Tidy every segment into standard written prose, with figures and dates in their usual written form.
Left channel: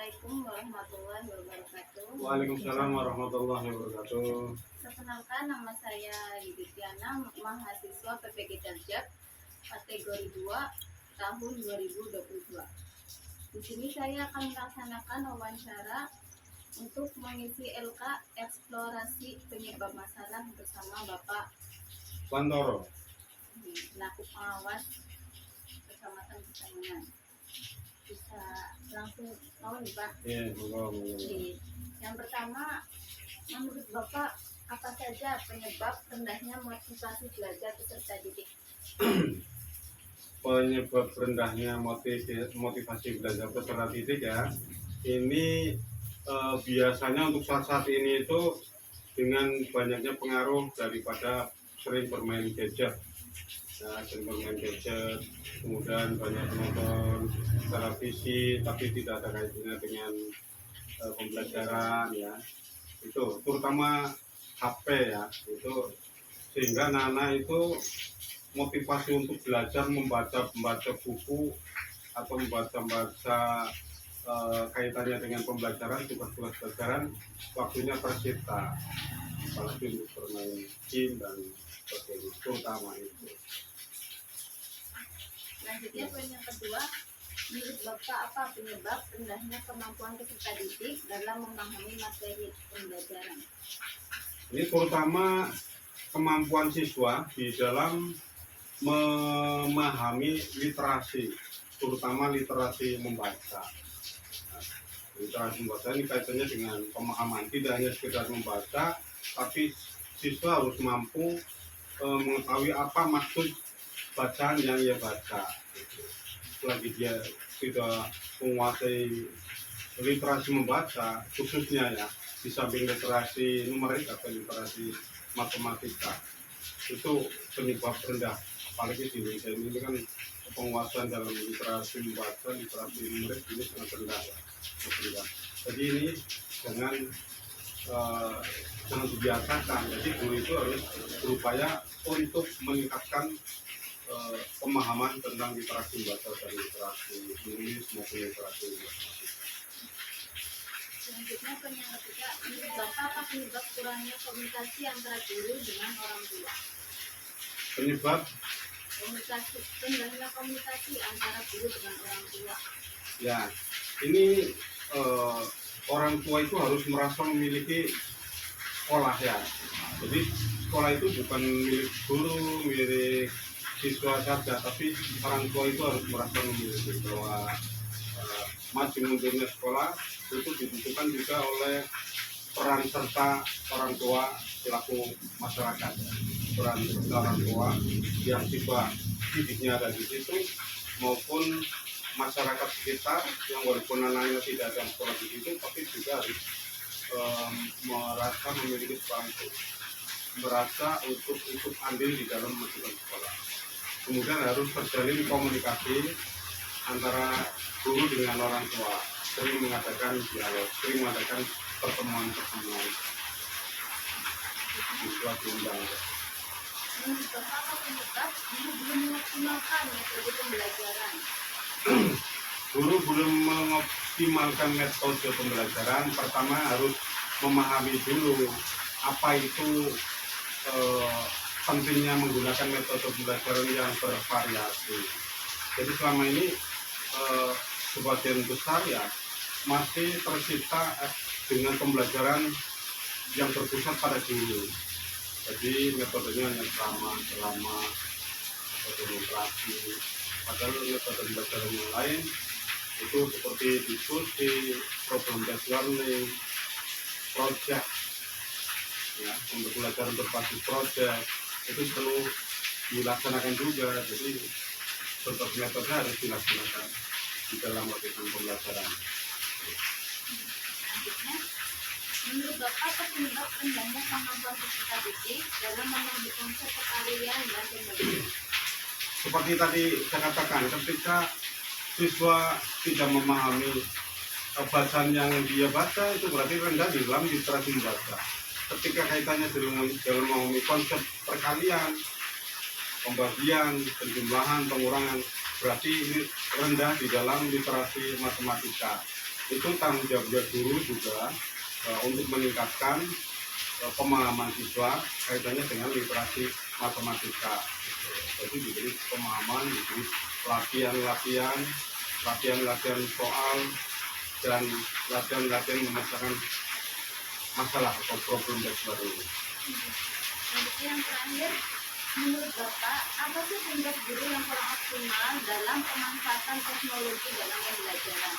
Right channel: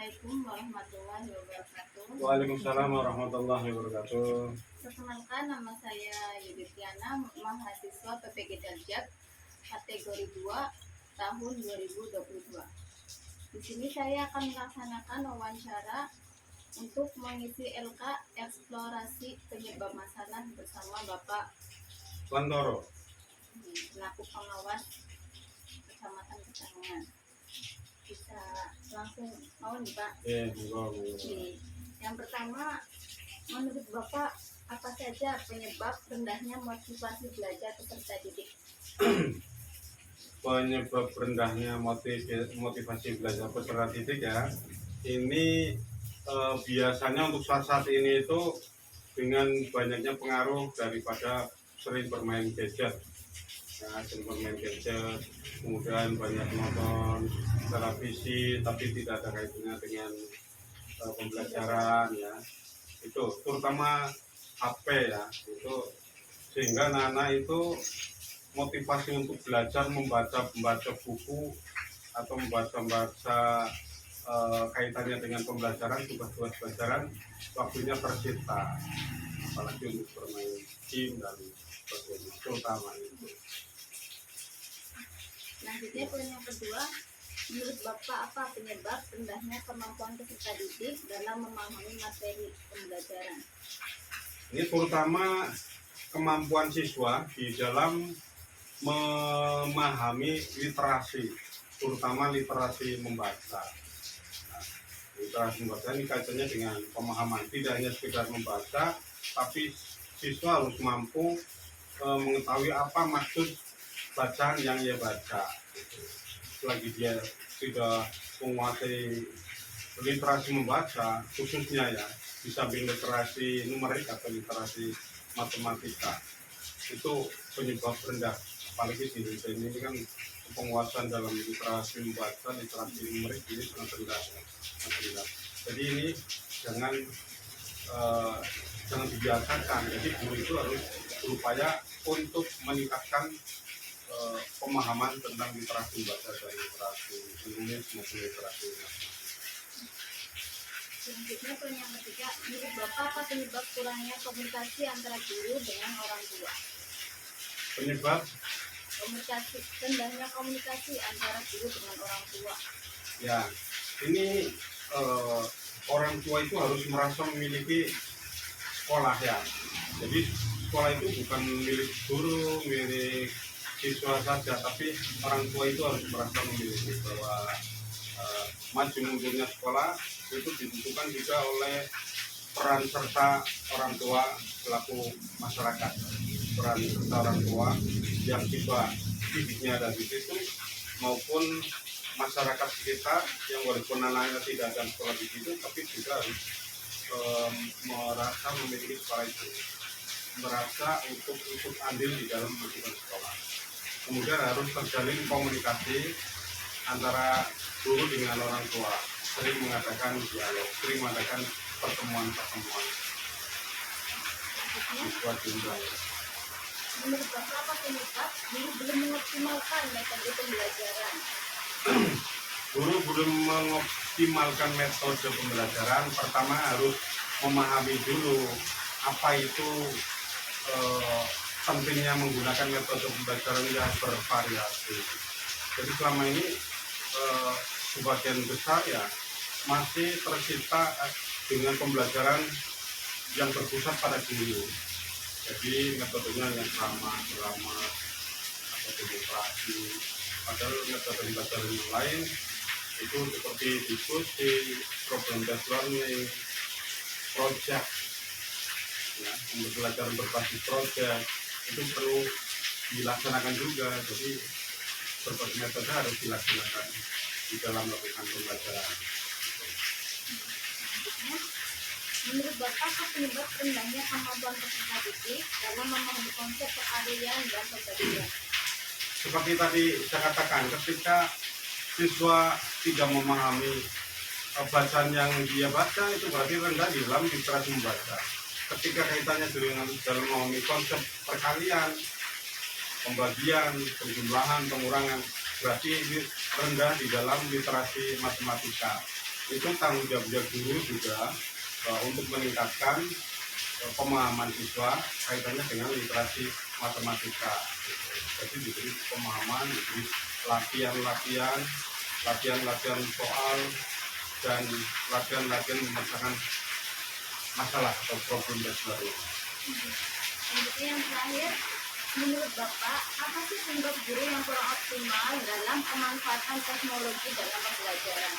Assalamualaikum warahmatullahi wabarakatuh. Waalaikumsalam warahmatullahi wabarakatuh. Perkenalkan, nama saya Yudhitiana, mahasiswa PPG Darjat, kategori 2 tahun 2022. Di sini saya akan melaksanakan wawancara untuk mengisi LK eksplorasi penyebab masalah bersama Bapak Santoro. selaku pengawas Kecamatan Pesangan. Bisa langsung mau nih Pak? Yang pertama, menurut Bapak apa saja penyebab rendahnya motivasi belajar peserta didik? Penyebab rendahnya motivasi belajar peserta didik ya, ini biasanya untuk saat ini itu dengan banyaknya pengaruh daripada sering bermain gadget. Kemudian banyak menonton televisi tapi tidak ada kaitannya dengan pembelajaran ya, itu terutama HP ya, itu sehingga anak itu motivasi untuk belajar membaca buku atau membaca kaitannya dengan pembelajaran, tugas-tugas pelajaran, waktunya tersita, apalagi untuk bermain game dan sebagainya, terutama itu. Selanjutnya poin yang kedua, menurut Bapak apa penyebab rendahnya kemampuan peserta didik dalam memahami materi pembelajaran? Ini terutama kemampuan siswa di dalam memahami literasi, terutama literasi membaca. Nah, literasi membaca ini kaitannya dengan pemahaman, tidak hanya sekedar membaca, tapi siswa harus mampu mengetahui apa maksud bacaan yang ia baca. Selagi dia tidak menguasai literasi membaca, khususnya ya di samping literasi numerik atau literasi matematika, itu penyebab rendah. Apalagi di Indonesia ini kan penguasaan dalam literasi membaca, literasi numerik ini sangat rendah. Jadi ini jangan dibiasakan. Jadi guru itu harus berupaya untuk meningkatkan pemahaman tentang literasi membaca dan literasi menulis maupun literasi matematika. Selanjutnya poin yang ketiga, menurut Bapak apa penyebab kurangnya komunikasi antara guru dengan orang tua? Penyebab rendahnya komunikasi antara guru dengan orang tua. Ya, ini orang tua itu harus merasa memiliki sekolah ya. Jadi sekolah itu bukan milik guru, milik siswa saja, tapi orang tua itu harus merasa memiliki, bahwa maju mundurnya sekolah itu ditentukan juga oleh peran serta orang tua selaku masyarakat, peran serta orang tua yang siswa didiknya ada di situ, maupun masyarakat sekitar yang walaupun anaknya tidak ada sekolah di situ, tapi juga harus merasa memiliki sekolah itu, merasa untuk ikut andil di dalam memajukan sekolah. Kemudian harus terjalin komunikasi antara guru dengan orang tua, sering mengadakan dialog, sering mengadakan pertemuan-pertemuan. Siswa diundang. Menurut Bapak apa penyebab guru belum mengoptimalkan metode pembelajaran? Guru belum mengoptimalkan metode pembelajaran. Pertama harus memahami dulu apa itu pentingnya menggunakan metode pembelajaran yang bervariasi. Jadi selama ini sebagian besar ya masih tersita dengan pembelajaran yang berpusat pada guru. Jadi metodenya yang sama, atau demokrasi. Padahal metode pembelajaran yang lain itu seperti diskusi, problem based learning, project, ya, untuk pembelajaran berbasis project itu perlu dilaksanakan juga. Jadi berbagai metode harus dilaksanakan di dalam melakukan pembelajaran. Menurut Bapak apa penyebab rendahnya kemampuan peserta didik dalam memahami konsep keahlian dan pembagian? Seperti tadi saya katakan, ketika siswa tidak memahami bacaan yang dia baca, itu berarti rendah di dalam literasi membaca. Ketika kaitannya dengan dalam memahami konsep perkalian, pembagian, penjumlahan, pengurangan, berarti ini rendah di dalam literasi matematika. itu tanggung jawab guru juga untuk meningkatkan pemahaman siswa kaitannya dengan literasi matematika. Jadi diberi pemahaman, diberi latihan soal dan latihan memecahkan masalah atau problem baru. Jadi yang terakhir, menurut Bapak, apa sih penyebab guru yang kurang optimal dalam pemanfaatan teknologi dalam pembelajaran?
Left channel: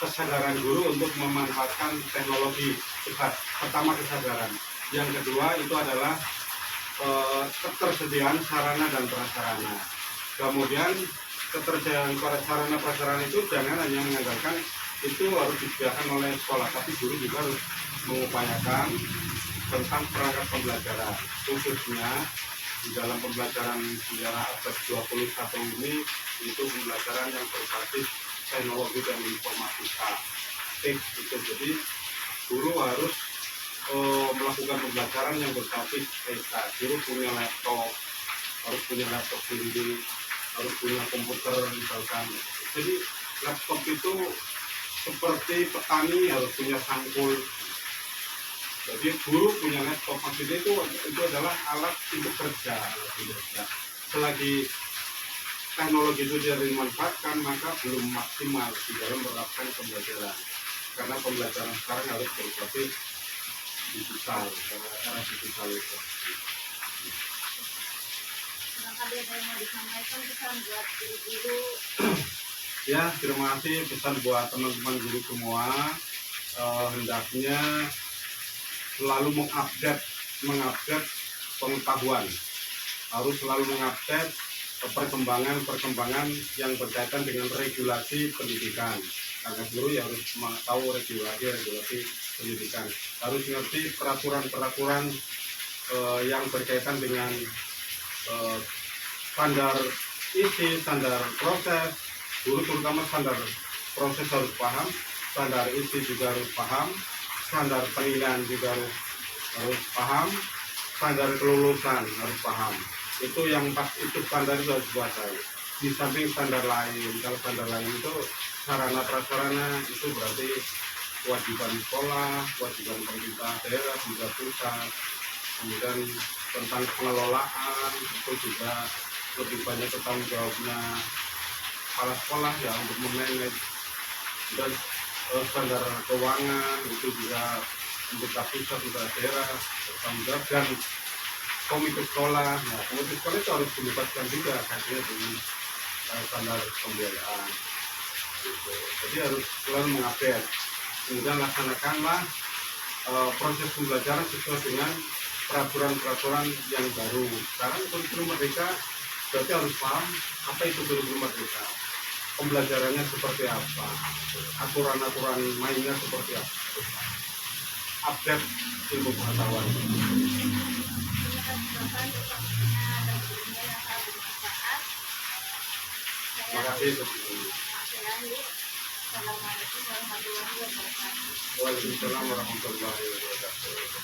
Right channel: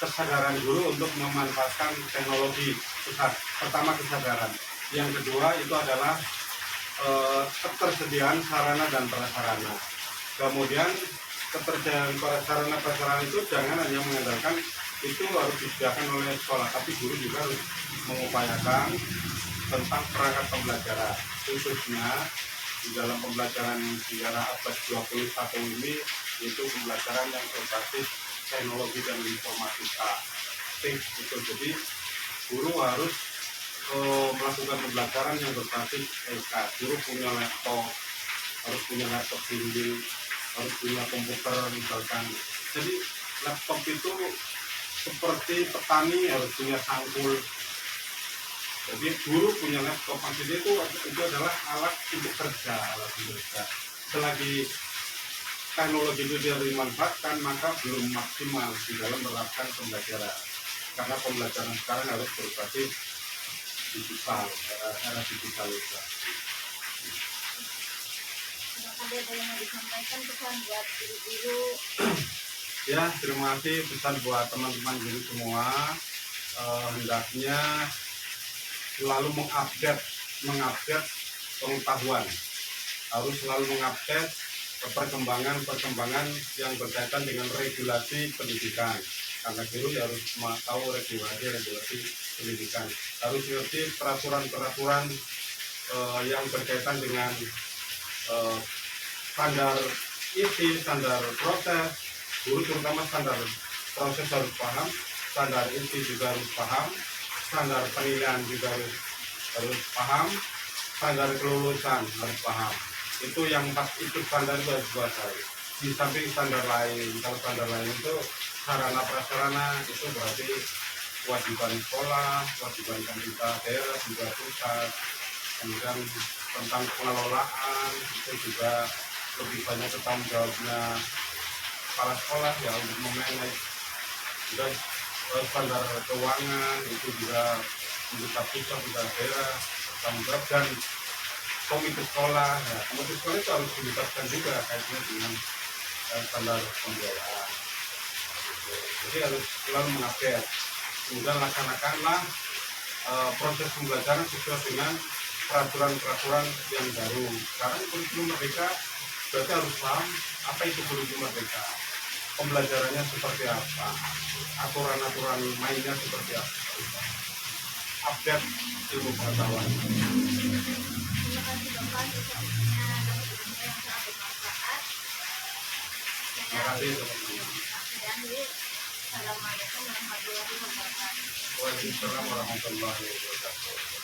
Kesadaran guru untuk memanfaatkan teknologi. Pertama kesadaran. Yang kedua itu adalah ketersediaan sarana dan prasarana. Kemudian ketersediaan sarana prasarana itu jangan hanya mengandalkan itu harus disediakan oleh sekolah, tapi guru juga harus mengupayakan tentang perangkat pembelajaran, khususnya di dalam pembelajaran sejarah abad 21 ini, itu pembelajaran yang berbasis teknologi dan informatika. Itu jadi guru harus melakukan pembelajaran yang berbasis TK. Guru punya laptop, harus punya laptop bimbing, harus punya komputer misalkan. Jadi laptop itu seperti petani harus punya sangkul. Jadi guru punya laptop, maksudnya itu adalah alat untuk kerja, Selagi teknologi itu tidak dimanfaatkan, maka belum maksimal di dalam menerapkan pembelajaran. Karena pembelajaran sekarang harus berbasis digital, era digital itu. Ada yang mau disampaikan pesan buat guru-guru? Ya, terima kasih pesan buat teman-teman guru semua. Hendaknya selalu mengupdate pengetahuan, harus selalu mengupdate perkembangan yang berkaitan dengan regulasi pendidikan. Karena guru ya harus tahu regulasi pendidikan, harus mengerti peraturan yang berkaitan dengan standar isi, standar proses. Guru terutama standar proses harus paham, standar isi juga harus paham, standar penilaian juga harus paham, standar kelulusan harus paham. Itu yang itu standar itu harus dikuasai. Di samping standar lain, kalau standar lain itu sarana prasarana itu berarti kewajiban sekolah, kewajiban pemerintah daerah juga pusat. Kemudian tentang pengelolaan itu juga lebih banyak tanggung jawabnya kepala sekolah ya untuk memanage. Dan standar keuangan itu juga pemerintah pusat, pemerintah daerah bertanggung jawab, dan komite sekolah. Nah, komite sekolah itu harus dilibatkan juga kaitannya dengan standar pembiayaan. Gitu. Jadi harus selalu mengupdate. Kemudian laksanakanlah proses pembelajaran sesuai dengan peraturan yang baru. Sekarang kurikulum merdeka berarti harus paham apa itu kurikulum merdeka, pembelajarannya seperti apa, aturan-aturan mainnya seperti apa, update ilmu pengetahuan. Terima kasih Bapak untuk waktunya dan ilmunya yang sangat bermanfaat. Terima kasih teman-teman. Saya Andi. Assalamualaikum warahmatullahi wabarakatuh. Waalaikumsalam warahmatullahi wabarakatuh.